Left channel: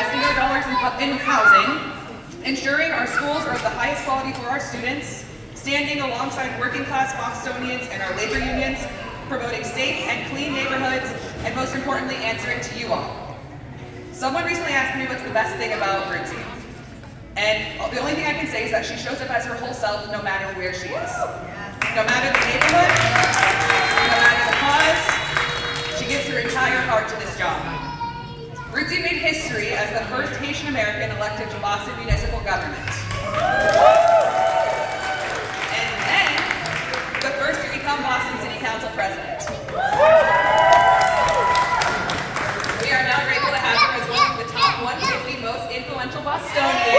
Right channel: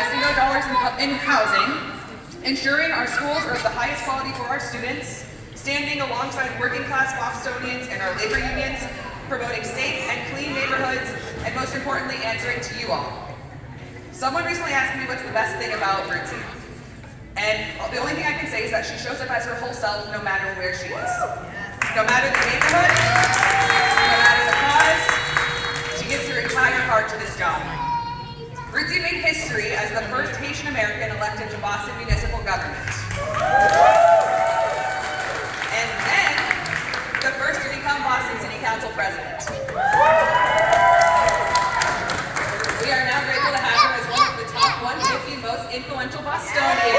investing our dollars in housing, ensuring our schools are of the highest quality for our students, standing alongside working class Bostonians and our labor unions, promoting safe and clean neighborhoods, and most importantly, answering to you all. Someone recently asked me what's the best thing about Ruthzee. And the only thing I can say is that she shows up as her whole self no matter where she is. No matter the neighborhood, no matter the cause, she gives her entire heart to this job. Ruthzee made history as the first Haitian American elected to Boston municipal government. And then, the first to become Boston City Council president. We are now grateful to have her as one of the top 150 most influential Bostonians.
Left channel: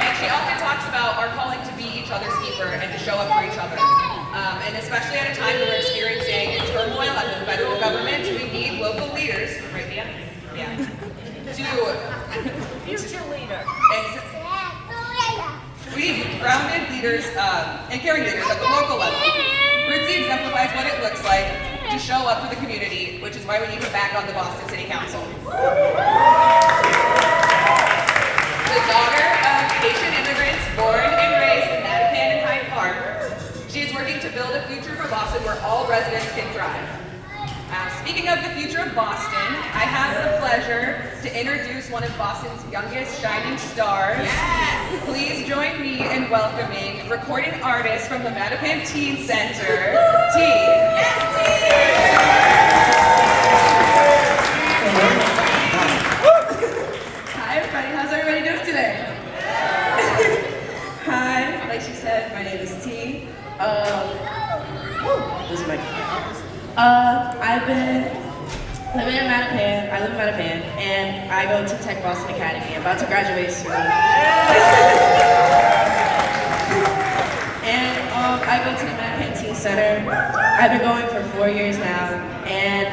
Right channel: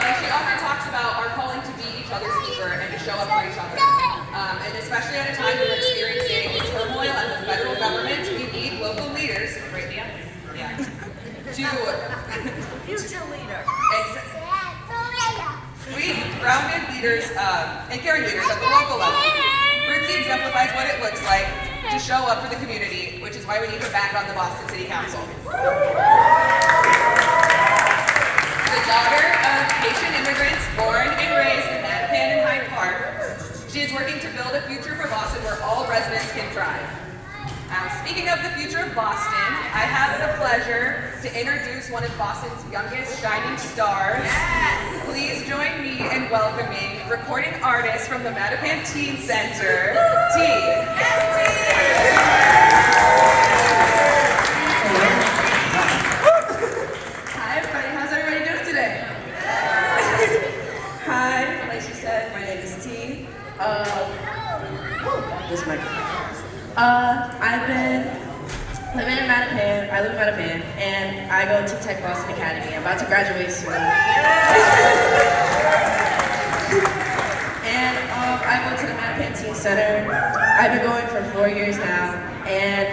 And she often talks about our calling to be each other's keeper and to show up for each other. And especially at a time when we're experiencing turmoil at the federal government, we need local leaders, right, Mia? Yeah. Future leader. We need grounded leaders and caring leaders at the local level. Ruthzee exemplifies what it looks like to show up for the community, which is why we need her back on the Boston City Council. The daughter of Haitian immigrants born and raised in Mattapan and Hyde Park, she is working to build a future for Boston where all residents can thrive. Speaking of the future of Boston, I have the pleasure to introduce one of Boston's youngest shining stars. Please join me in welcoming recording artist from the Mattapan Teen Center, T. Hi everybody, how's everybody doing today? Hi, like she said, my name is T. This is my I've been living in Mattapan. I live in Mattapan, and I go to Tech Boston Academy. I'm about to graduate soon. And I go to the Mattapan Teen Center. I've been going for 4 years now, and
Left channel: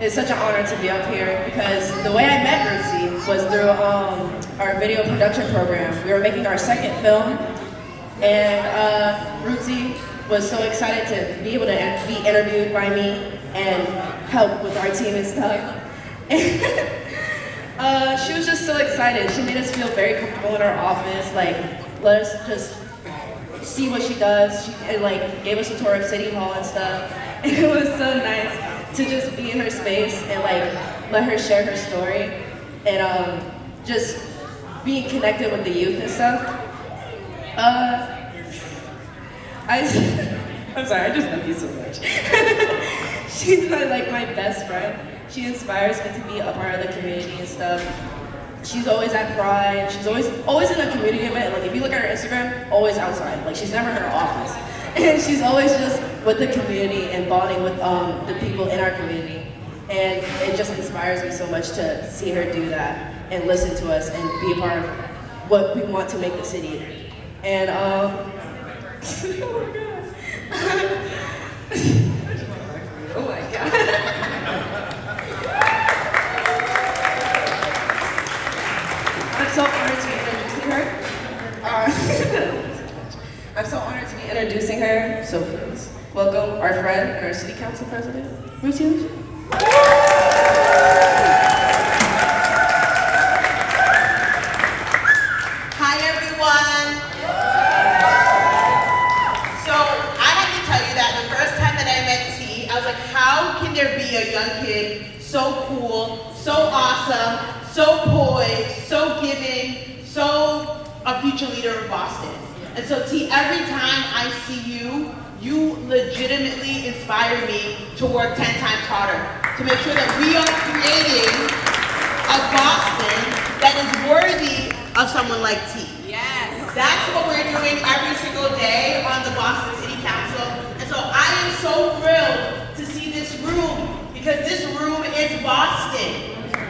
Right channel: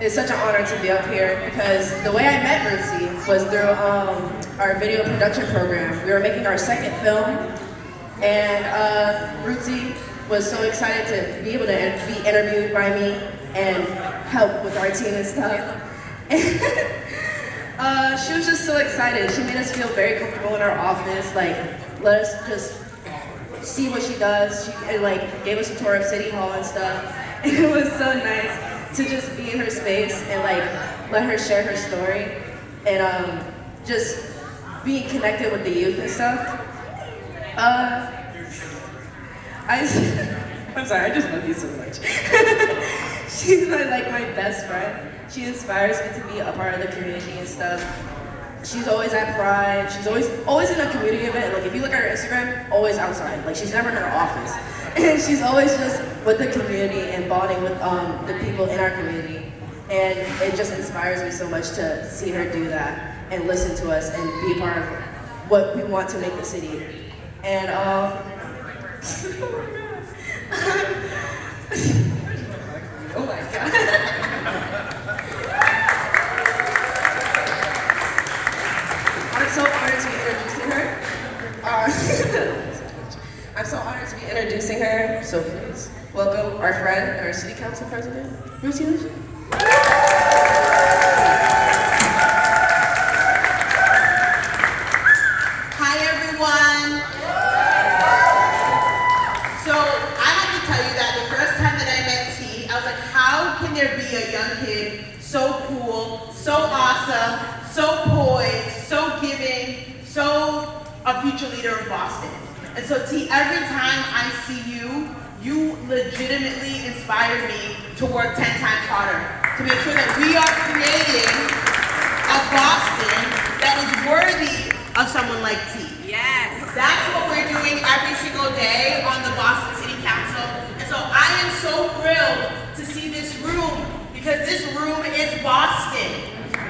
it's such an honor to be up here because the way I met Ruthzee was through our video production program. We were making our second film, and Ruthzee was so excited to be able to be interviewed by me and help with our team and stuff. And she was just so excited. She made us feel very comfortable in our office, like let us just see what she does. She gave us a tour of City Hall and stuff. And it was so nice to just be in her space and let her share her story and just being connected with the youth and stuff. I'm sorry, I just love you so much. She's my best friend. She inspires me to be a part of the community and stuff. She's always at Pride. She's always in a community event. Like if you look at her Instagram, always outside. Like she's never in her office. And she's always just with the community and bonding with the people in our community. And it just inspires me so much to see her do that and listen to us and be a part of what we want to make the city. And oh my god. I'm so honored to be introducing her. I'm so honored to be introducing her. So please welcome our friend, our city council president, Ruthzee. A young kid, so cool, so awesome, so poised, so giving, so a future leader of Boston. And so T, every time I see you, you legitimately inspire me to work 10 times harder, to make sure that we are creating a Boston that is worthy of someone like T. Yes. That's what we're doing every single day on the Boston City Council. And so I am so thrilled to see this room, because this room is Boston.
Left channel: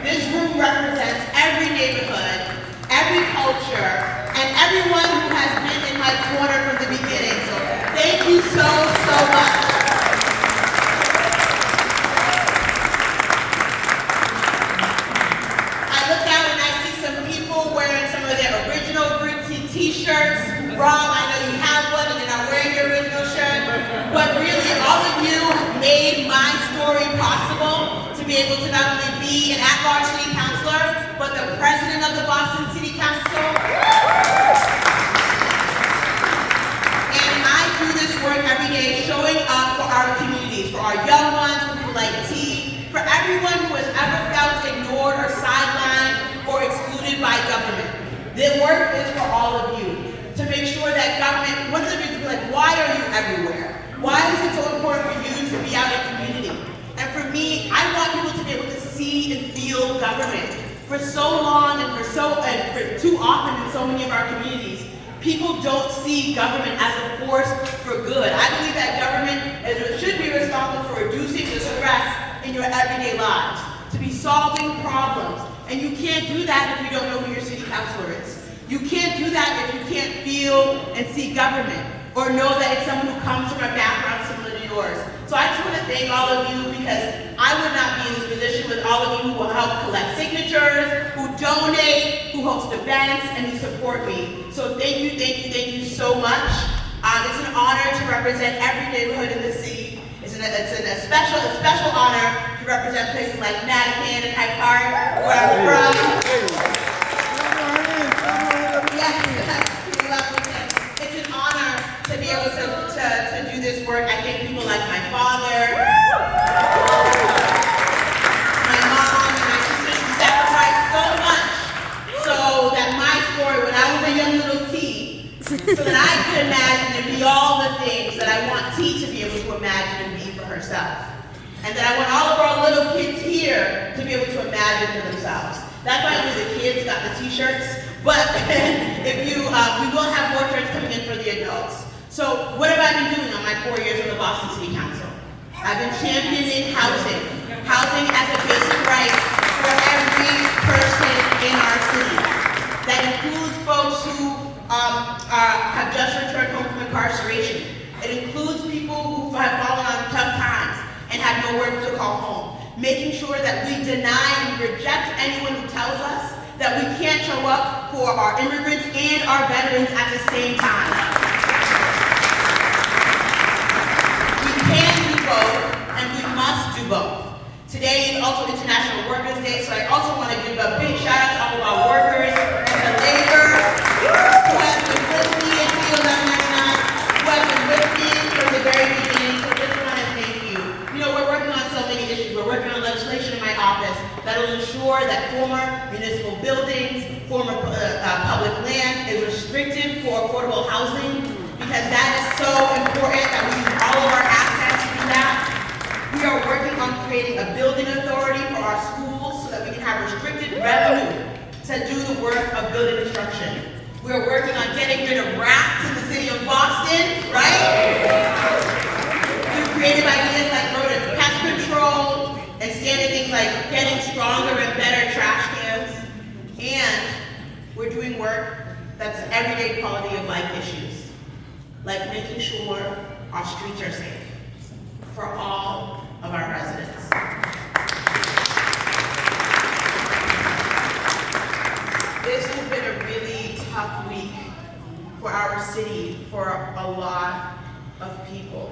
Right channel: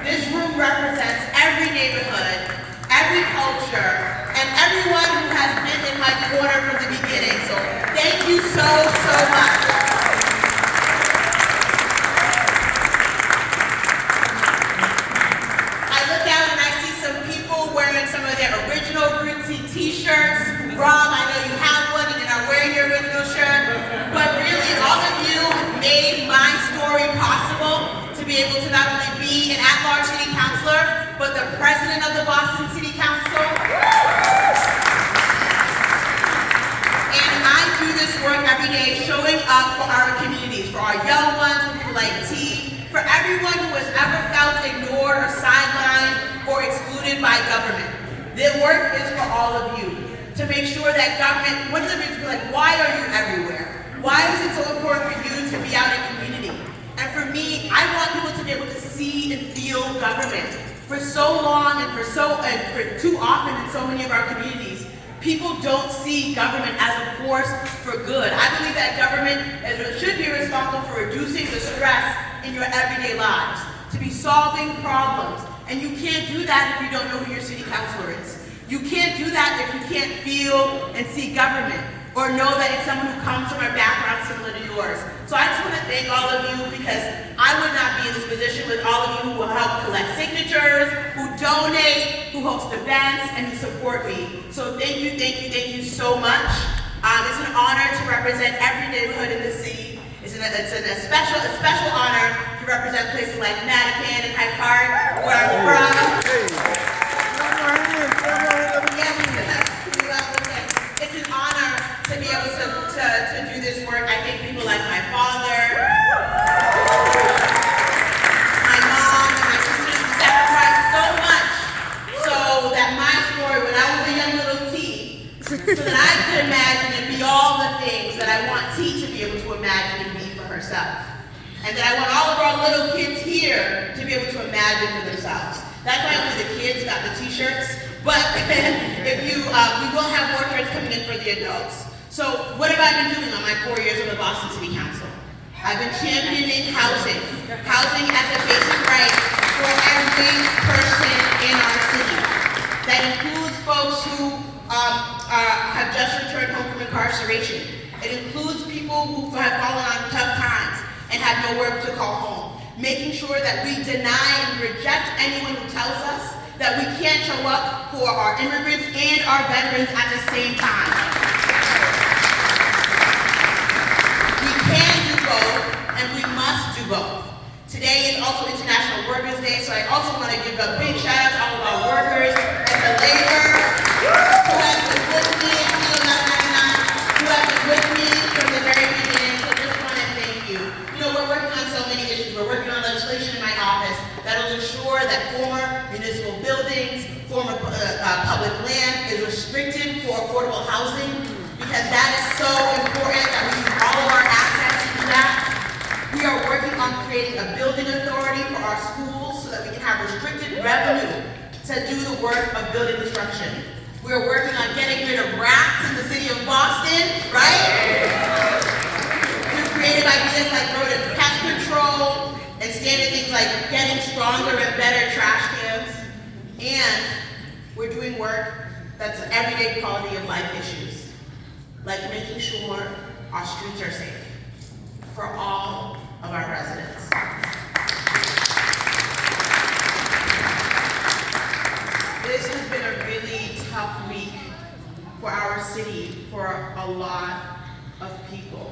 This room represents every neighborhood, every culture, and everyone who has been in my corner from the beginning. So thank you so much. I look out and I see some people wearing some of their original Ruthzee t-shirts. Rob, I know you have one and you're not wearing your original shirt, but really all of you made my story possible. responsible to be able to not only be an at-large city councilor, but the president of the Boston City Council. And I do this work every day showing up for our communities, for our young ones, for people like T, for everyone who has ever felt ignored or sidelined or excluded by government. The work is for all of you, to make sure that government, one of the reasons, like, why are you everywhere? Why is it so important for you to be out in community? And for me, I want people to be able to see and feel government. For so long and for too often in so many of our communities, people don't see government as a force for good. I believe that government should be responsible for reducing the stress in your everyday lives, to be solving problems. And you can't do that if you don't know who your city councilor is. You can't do that if you can't feel and see government, or know that it's someone who comes from a background similar to yours. So I just want to thank all of you, because I would not be in this position with all of you who will help collect signatures, who donate, who host events, and who support me. So thank you so much. It's an honor to represent every neighborhood in the city. It's a special honor to represent places like Mattapan and Kanpay, where I'm from. It's an honor to be able to do this work. I thank people like my father, my mom, and my sisters who sacrificed so much so that my story, when I was a young little T, so that I could imagine and be all the things that I want T to be able to imagine and be for herself. And that I want all of our little kids here to be able to imagine for themselves. That's why only the kids got the t-shirts. But if you, we will have more shirts coming in for the adults. So what have I been doing on my 4 years on the Boston City Council? I've been championing housing as a basic right for every person in our city. That includes folks who have just returned home from incarceration. It includes people who have fallen on tough times and have nowhere to call home. Making sure that we deny and reject anyone who tells us that we can't show up for our immigrants and our veterans at the same time. We can do both, and we must do both. Today is also International Workers' Day, so I also want to give a big shout out to all of our workers and the labor who have been with me in 2009, who have been with me from the very beginning. So just want to thank you. You know, we're working on so many issues. We're working on legislation in my office that will ensure that former municipal buildings, former public land is restricted for affordable housing, because that is so important that we use all of our assets to do that. We are working on creating a building authority for our schools so that we can have restricted revenue to do the work of building construction. We are working on getting rid of rats in the city of Boston, right? Through creative ideas like rodent pest control, and standard things like getting stronger and better trash cans. And we're doing work that's everyday quality of life issues, like making sure our streets are safe for all of our residents. This has been a really tough week for our city, for a lot of people.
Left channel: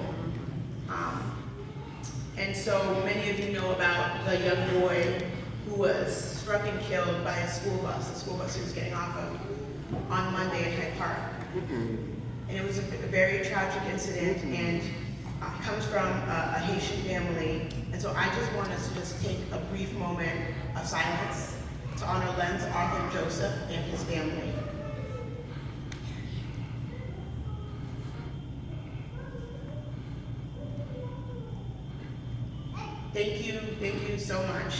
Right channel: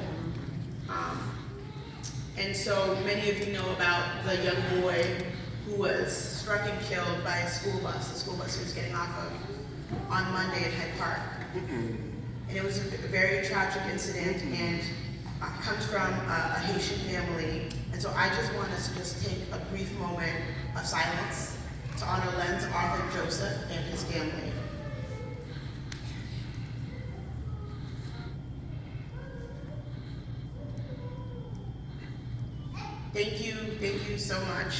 And so many of you know about the young boy who was struck and killed by a school bus. The school bus he was getting off of on Monday at Hyde Park. And it was a very tragic incident, and it comes from a Haitian family. And so I just want us to just take a brief moment of silence to honor Len's Arthur Joseph and his family. Thank you so much.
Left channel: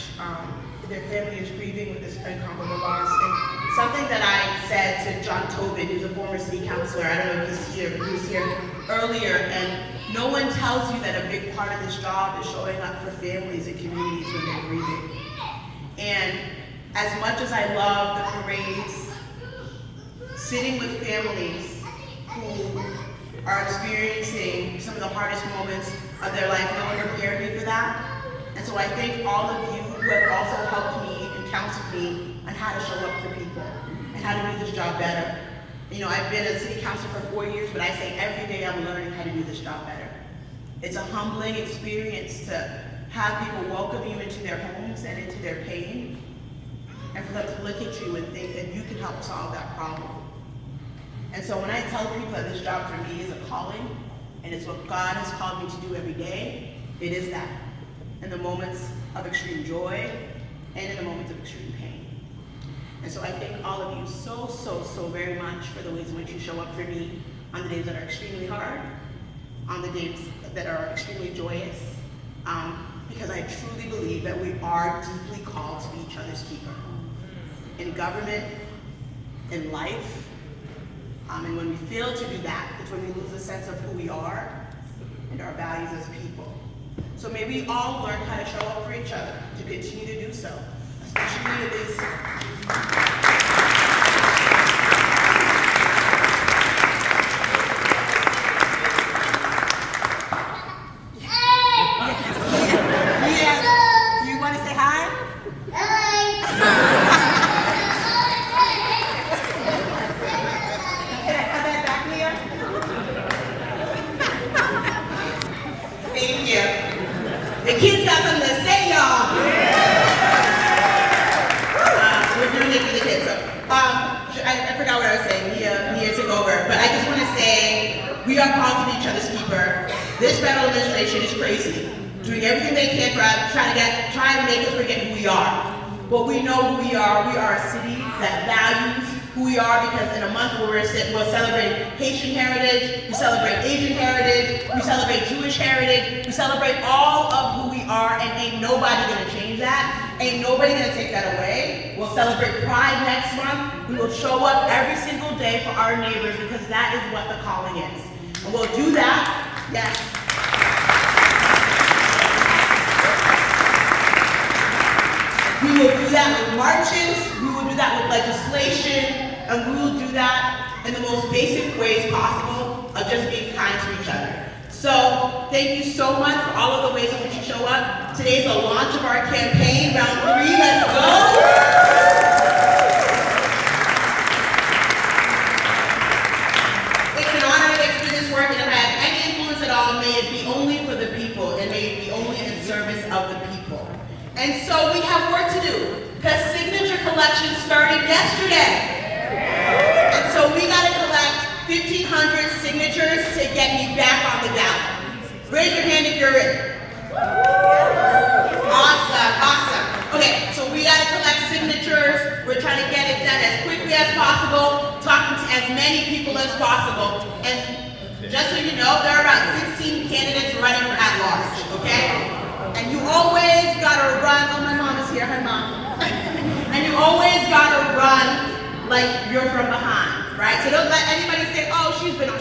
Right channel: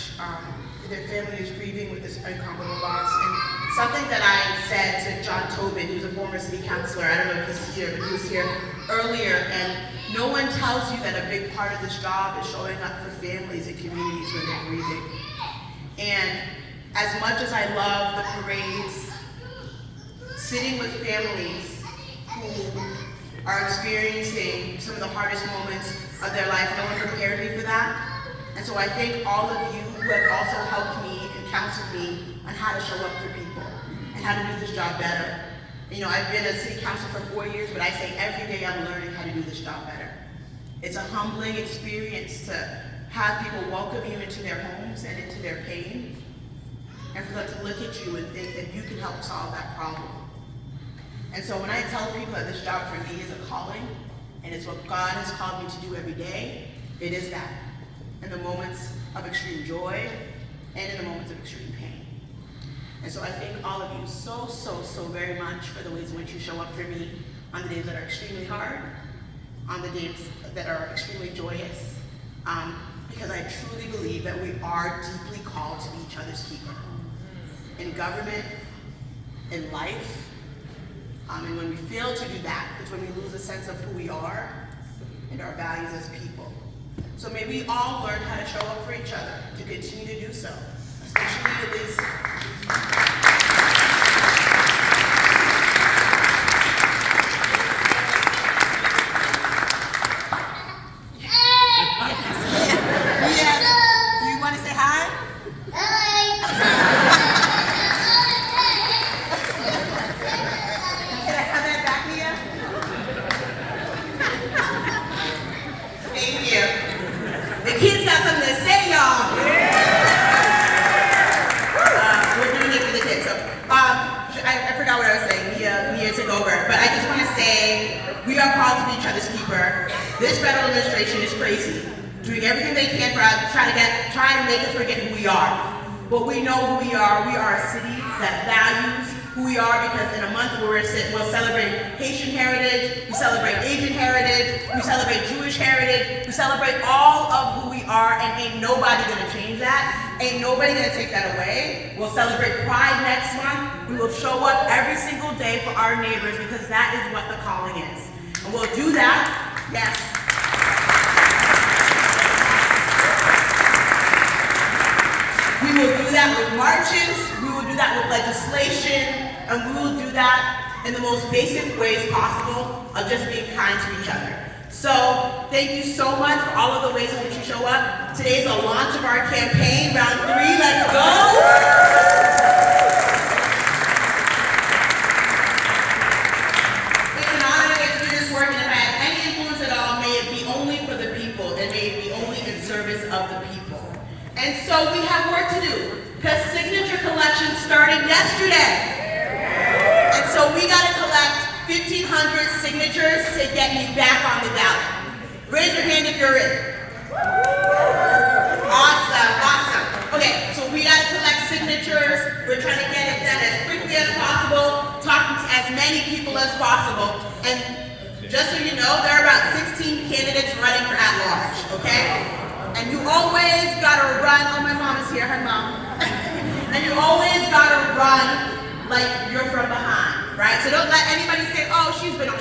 Their family is grieving with this incomparable loss. And something that I said to John Tobin, who's a former city councilor, I don't know if he's here, but he was here earlier, and no one tells you that a big part of this job is showing up for families and communities when they're grieving. And as much as I love the parades, sitting with families who are experiencing some of the hardest moments of their life, no one prepared me for that. And so I thank all of you who have also helped me and counseled me on how to show up for people and how to do this job better. You know, I've been a city councilor for 4 years, but I say every day I'm learning how to do this job better. It's a humbling experience to have people welcome you into their homes and into their pain, and for them to look at you and think that you can help solve that problem. And so when I tell people that this job for me is a calling, and it's what God has called me to do every day, it is that. In the moments of extreme joy, and in the moments of extreme pain. And so I thank all of you so, so, so very much for the ways in which you show up for me on the days that are extremely hard, on the days that are extremely joyous, because I truly believe that we are deeply called to be each other's keeper. In government, in life, and when we fail to do that, it's when we lose a sense of who we are and our values as people. So may we all learn how to show up for each other, to continue to do so, especially these. Yeah. You want to say hi? Can I have that back, Mia? Thank you. The kids got something to say, y'all. We're doing it for the kids. So, I forgot what I was saying. Mia took over. But I just want to say, we are called to be each other's keeper. This federal administration is crazy, doing everything they can for us, trying to make us forget who we are. But we know who we are. We are a city that values who we are, because in a month where we'll celebrate Haitian heritage, we celebrate Asian heritage, we celebrate Jewish heritage, we celebrate all of who we are, and ain't nobody gonna change that. Ain't nobody gonna take that away. We'll celebrate Pride next month. We will show up every single day for our neighbors, because that is what the calling is. And we'll do that, yes. We will do that with marches, we will do that with legislation, and we will do that in the most basic ways possible of just being kind to each other. So, thank you so much for all of the ways in which you show up. Today is the launch of our campaign, round 3, let's go! It's an honor to do this work, and if I have any influence at all, may it be only for the people, and may it be only in service of the people. And so we have work to do, because signature collection started yesterday. And so we got to collect 1,500 signatures to get me back on the ballot. Raise your hand if you're in. Awesome, awesome. Okay, so we got to collect signatures. We're trying to get it done as quickly as possible, talking to as many people as possible. And just so you know, there are about 16 candidates running for at-large, okay? And you always gotta run, oh my mom is here, hi mom. And you always gotta run like you're from behind, right? So don't let anybody say, oh, she's been.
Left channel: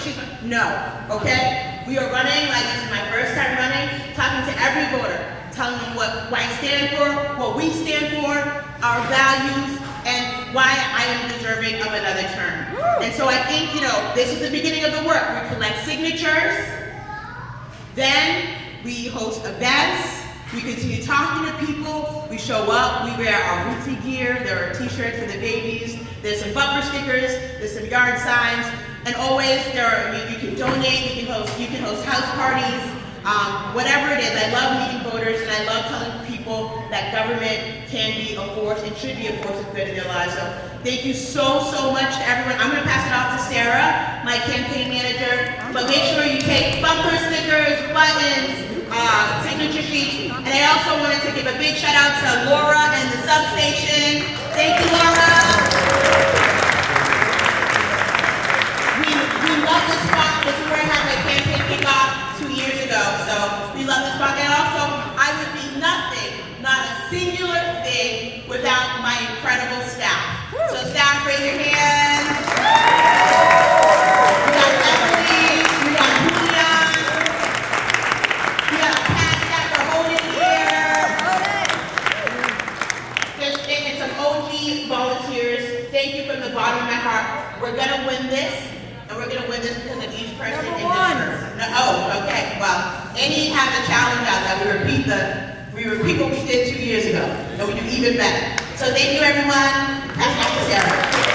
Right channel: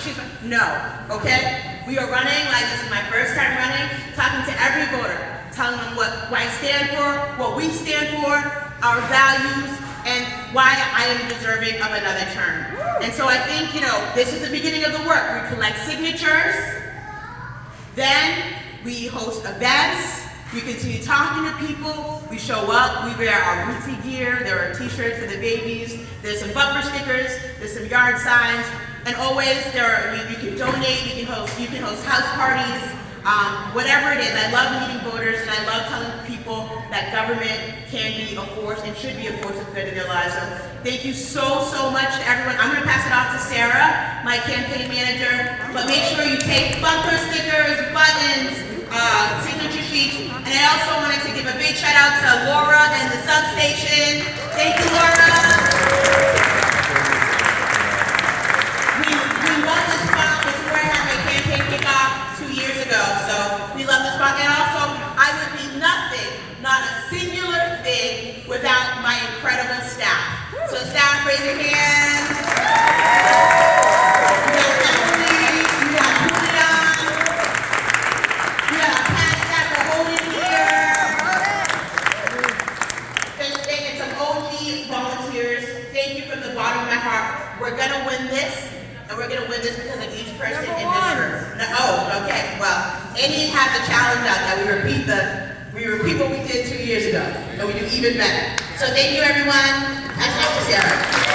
No, okay? We are running like this is my first time running, talking to every voter, telling them what I stand for, what we stand for, our values, and why I am deserving of another term. And so I think, this is the beginning of the work. We collect signatures, then we host events, we continue talking to people, we show up, we wear our Ruthzee gear, there are t-shirts for the babies, there's some bumper stickers, there's some yard signs, and always you can donate, you can host house parties, whatever it is. I love meeting voters, and I love telling people that government can be a force and should be a force of good in their lives. So thank you so, so much to everyone. I'm gonna pass it off to Sarah, my campaign manager, but make sure you take bumper stickers, buttons, signature sheets, and I also wanted to give a big shout out to Laura and the substation. Thank you, Laura. We love this spot. This is where I had my campaign kickoff 2 years ago, so we love this spot. And also, I would be nothing, not a singular thing, without my incredible staff. So staff, raise your hands. We got Emily, we got Julia, we got Pat staff for holding here. And some OG volunteers. Thank you from the bottom of my heart. We're gonna win this. And we're going to win this because of each person in this room. No, oh, okay. Well, Annie has a challenge out that we repeat what we did 2 years ago, and we do even better. So thank you, everyone. That's Dr. Sarah.